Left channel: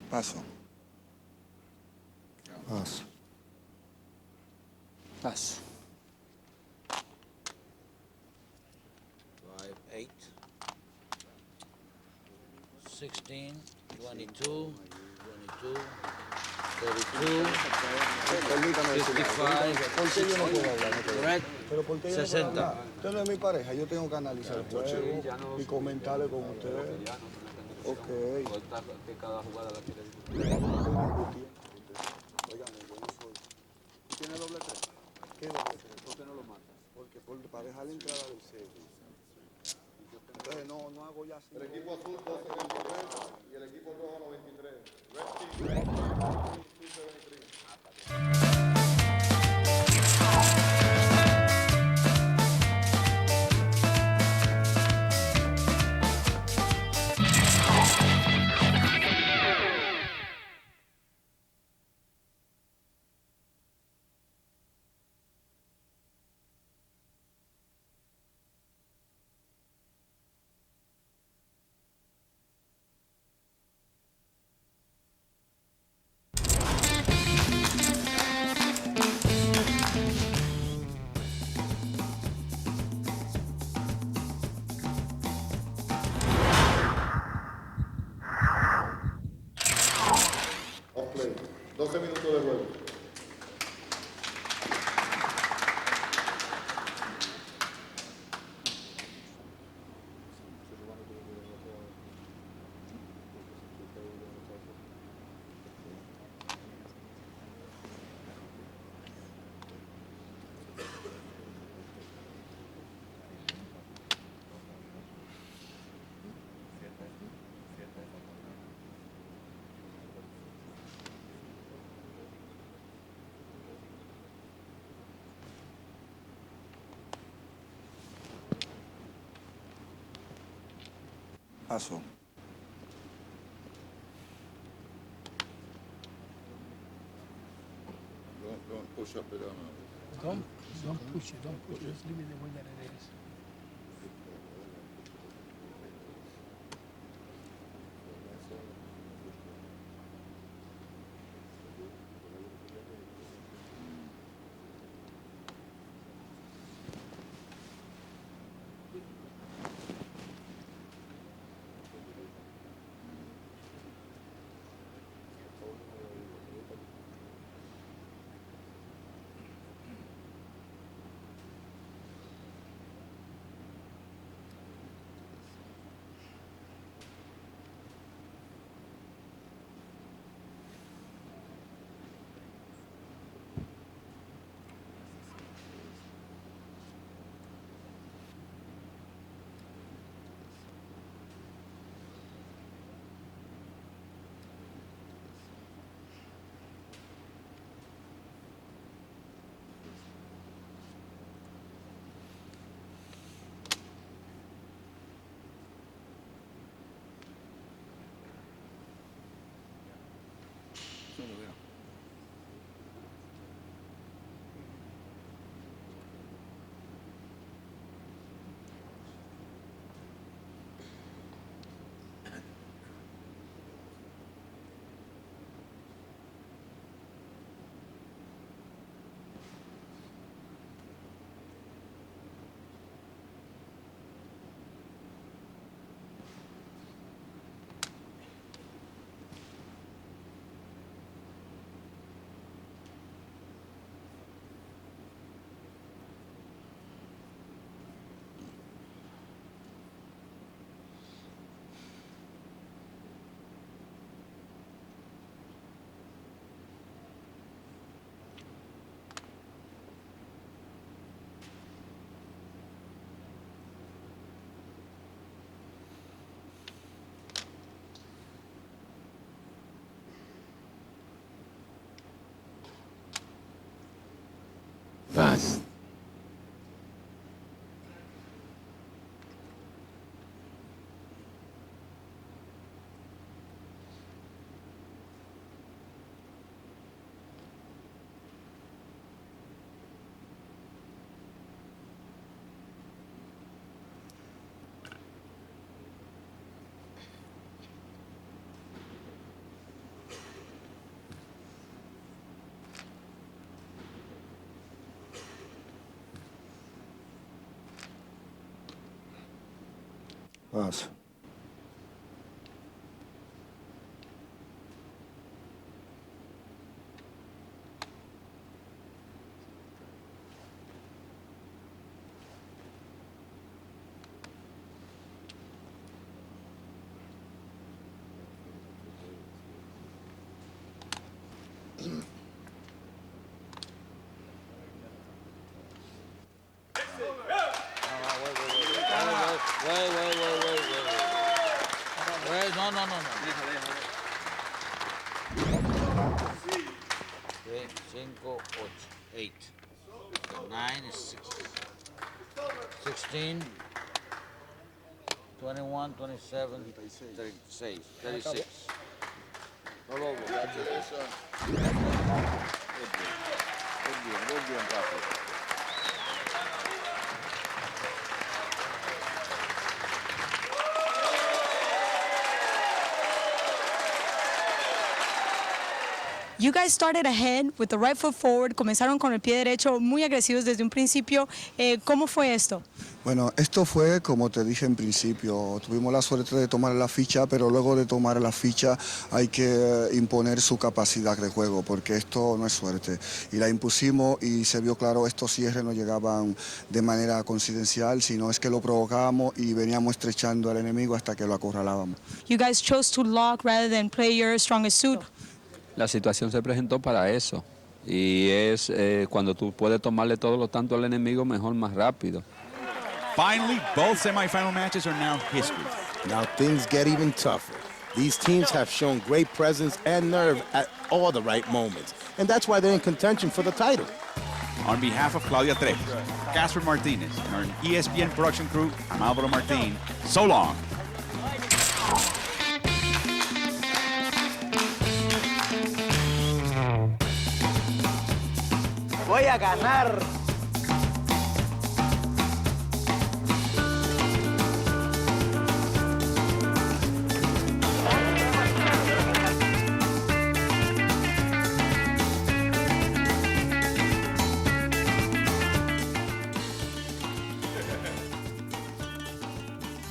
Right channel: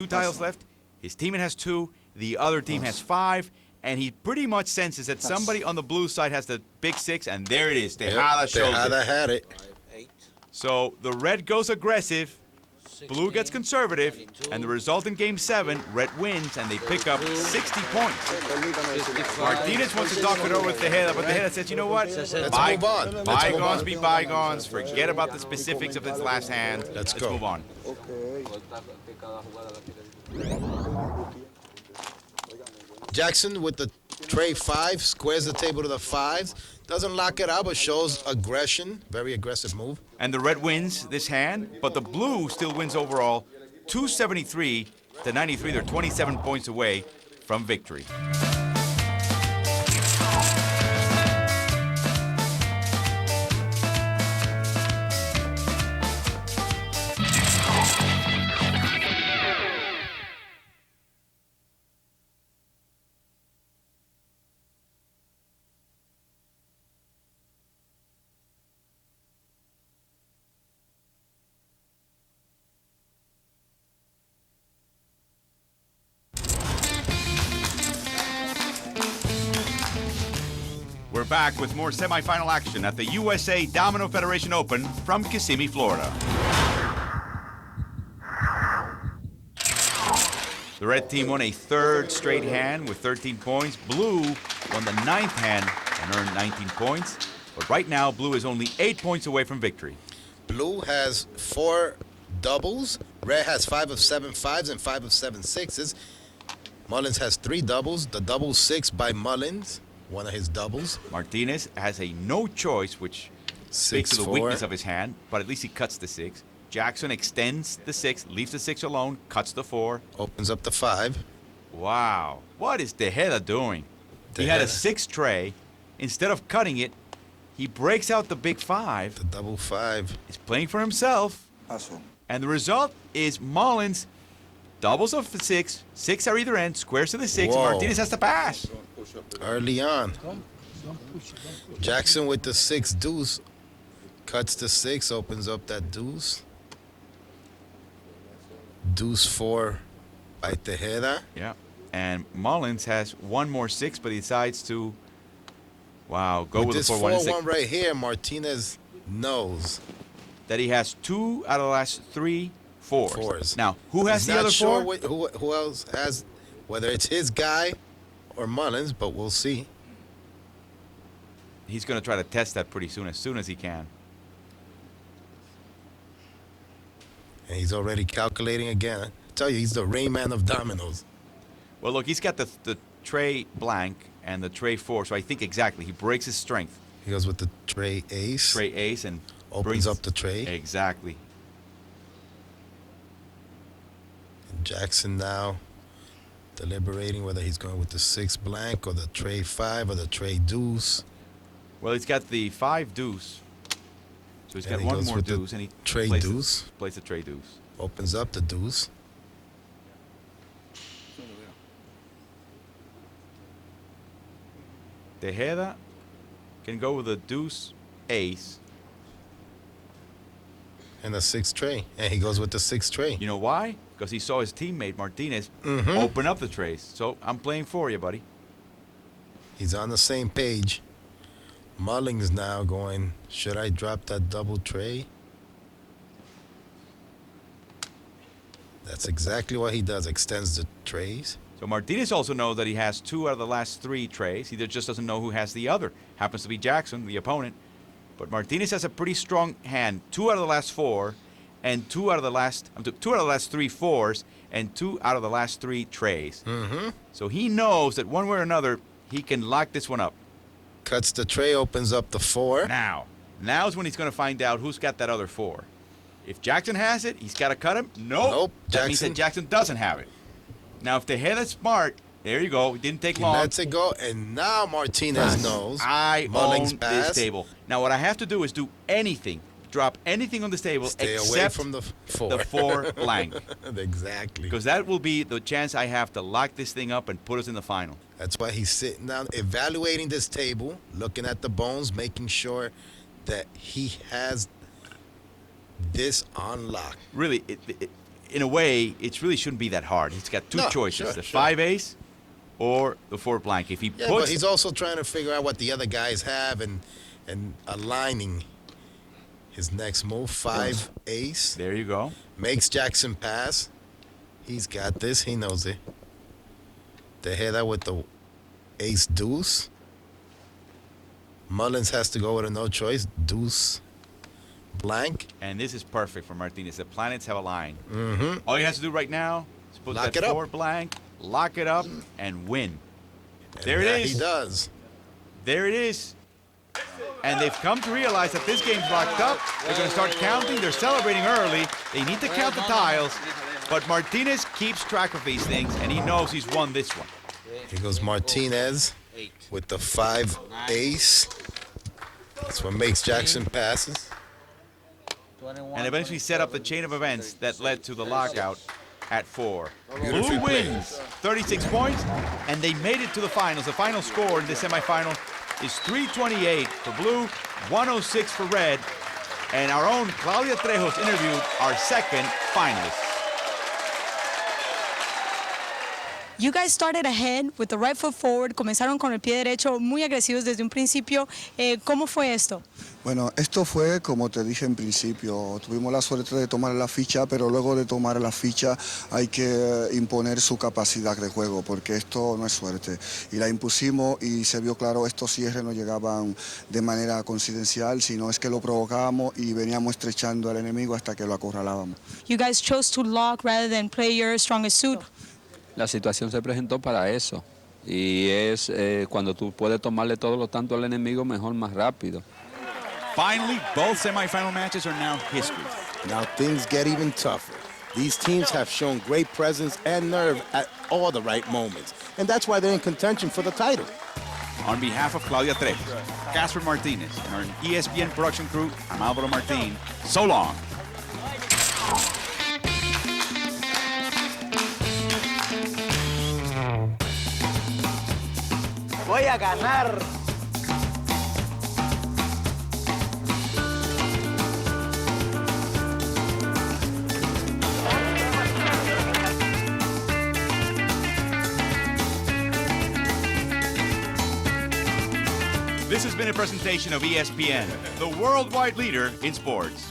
Two tiles left. His teammate has 2. The other team has 5. And he pretty much senses that somebody on the blue side has the big 6, and there it is. Tejada shows Tejada it. had it. So the red goes aggressive, blue gets conservative, and the result in Game 7, red wins, and they pick up 60 points. Martinez wants to talk it over with Tejada, but Tejada says, you know what? Let's move on. Bygones be bygones. Forget about the specifics of his last hand. Let's go. Move on. Jackson with the tray 5 squares the table to the 5s. Doesn't lock it out, but shows aggression. Very aggressive move. And the red wins this hand, but the blue still wins overall, 273 to 93. They're 27 points away from victory. We're back with more semifinal action at the USA Domino Federation Open from Kissimmee, Florida. The red team won a 3rd straight hand with 13 points. Blue won the 9th hand and earned 19 points. But right now, blue is only 8 points away from victory. Blue has 4 doubles. Red has 5 of 7 5s and 5 of 7 6s. Mullins has 3 doubles. The double 6 by Mullins, one of his doubles. Martinez has a no choice, which speaks to the weakness of his hand, but at least he cuts the 6. Jackson extends the 6, leaves the 6 alone, cuts the 4. Opens up the 5. Wow. What is Tejada doing? He had a 6 tray. Instead of cutting it, he breaks out the big 5. The double 5. He's playing for himself. And the result is Mullins doubles of the 6. 6 are either end, squares to the 6. Whoa. Martinez has to pass. Early on. Jackson with the 6 deuce. Cuts the 6, opens up that deuce. Deuce 4 by Tejeda. Yeah. And Mullins has one more 6, but he decides to, go with this the 4-1 4-1. right here, Martinez knows That he has 2 out of the last 3 fours. Fours. Now, who has He's the not other sure 4? who else has, whether it's his guy or Mullins, but we'll see. He's going to try to test that pretty soon as he can. And he's already calculating again. I tell you, he's the Rain Man of dominoes. Well, look, he's got the tray blank and the tray 4, so I think exactly. He breaks his strength. He goes with the tray ace. Tray ace and opens brings up the tray. Exactly. And Jackson now deliberating whether he's going with the 6 blank or the tray 5 or the tray deuce. Well, he's got the 5 deuce. So he's got one more deuce, and he tray plays deuce. Plays the tray deuce. Opens up the deuce. Tejeda can go with a deuce ace. And the 6 tray. And he goes with the 6 tray. You know why? Because he saw his teammate Martinez open up the trays. So I'm playing for you, buddy. He's on the same page. Mullins now going, should I drop that double tray? That's exactly what he does, extends the trays. So Martinez also knows that he has 2 out of the last 3 trays. He just doesn't know who has the other. Happens to be Jackson, the opponent. But Martinez has a pretty strong hand. 2 out of the last 4, and 2 out of the last 3 fours, and 2 out of the last 3 trays. So he knows that one way or another, he can lock this one up. Cuts the tray, opens up the 4. Now's when he's going to find out who's got that other 4. If Jackson has it, he's got to cut him. Nope. That means that Jackson doesn't have it. Now, if the head is smart, there you go. It didn't take long. He lets it go, and now Martinez knows. I Mullins own pass. this table. Now, what I have to do is do anything. Drop anything on this table Stay except away from the 4. The 4 blank. Exactly. Because that will be the chance I have to lock this thing up and put us in the final. That's why he's sitting down, evaluating this table, looking at the bones, making sure that he has this on lock. Really, in a way, it really shouldn't be that hard. He's got two No, choices, sure, the sure. 5-ace or the 4 blank. If he Yeah, puts but he's also trying to figure out what the other guys have and aligning his next move. 5 ace. there you go. Makes Jackson pass. He's got this. He knows it. Tejeda with the ace deuce. Mullins has to go with a no choice. Deuce blank. And this is perfect for Martinez. The planets have aligned. Mm-hmm. All he has to do right now is put Lock that it up. 4 blank, lock it up, and win. There it that is. He does. There it is. And they've come to realize that this game's locked up. They're going to start counting. They're celebrating early. They need to count the tiles. But Martinez keeps track of these things, and he knows he's won this one. Here goes Martinez with the 5 ace. That's what makes Jackson passes. And eventually set up the chain of events that led to the lockout at 4. Beautifully Blue played. wins 36 points, and they made it to the finals. The final score in the semifinal is 328 for blue, 106 for red. And our own Claudia Trejos interviewed our second finalist. You guys started ahead with the right foot forward, comenzaron con el pie derecho, muy agresivos desde un principio. ¿Cómo fue esto? Bueno, esto fue como te dije en principio, tuvimos la suerte de tomar la ficha, pero luego de tomar la ficha hay que imponer su capacidad de juego, porque esto no es suerte. Y la impusimos y se vio claro, estos cierres no llegaban de manera coincidencial, sino es que lo provocábamos y veníamos estrechando al enemigo hasta que lo acorralábamos. You guys chose to lock rather than play your strongest suit. La situación se presentó para eso. Y es cuando tú puedes tomarle todos los tantos al enemigo, mejor, más rápido. Finally, both semifinal matches are now history. Now things get even tougher. These teams have shown great presence and nerve at all the right moments. And that's why they're in contention for the title. On behalf of Claudia Trejos, Casper Martinez, and our ESPN production crew, I'm Alvaro Martin. So long. Voy a ganar. This has been a presentation of ESPN, the worldwide leader in sports.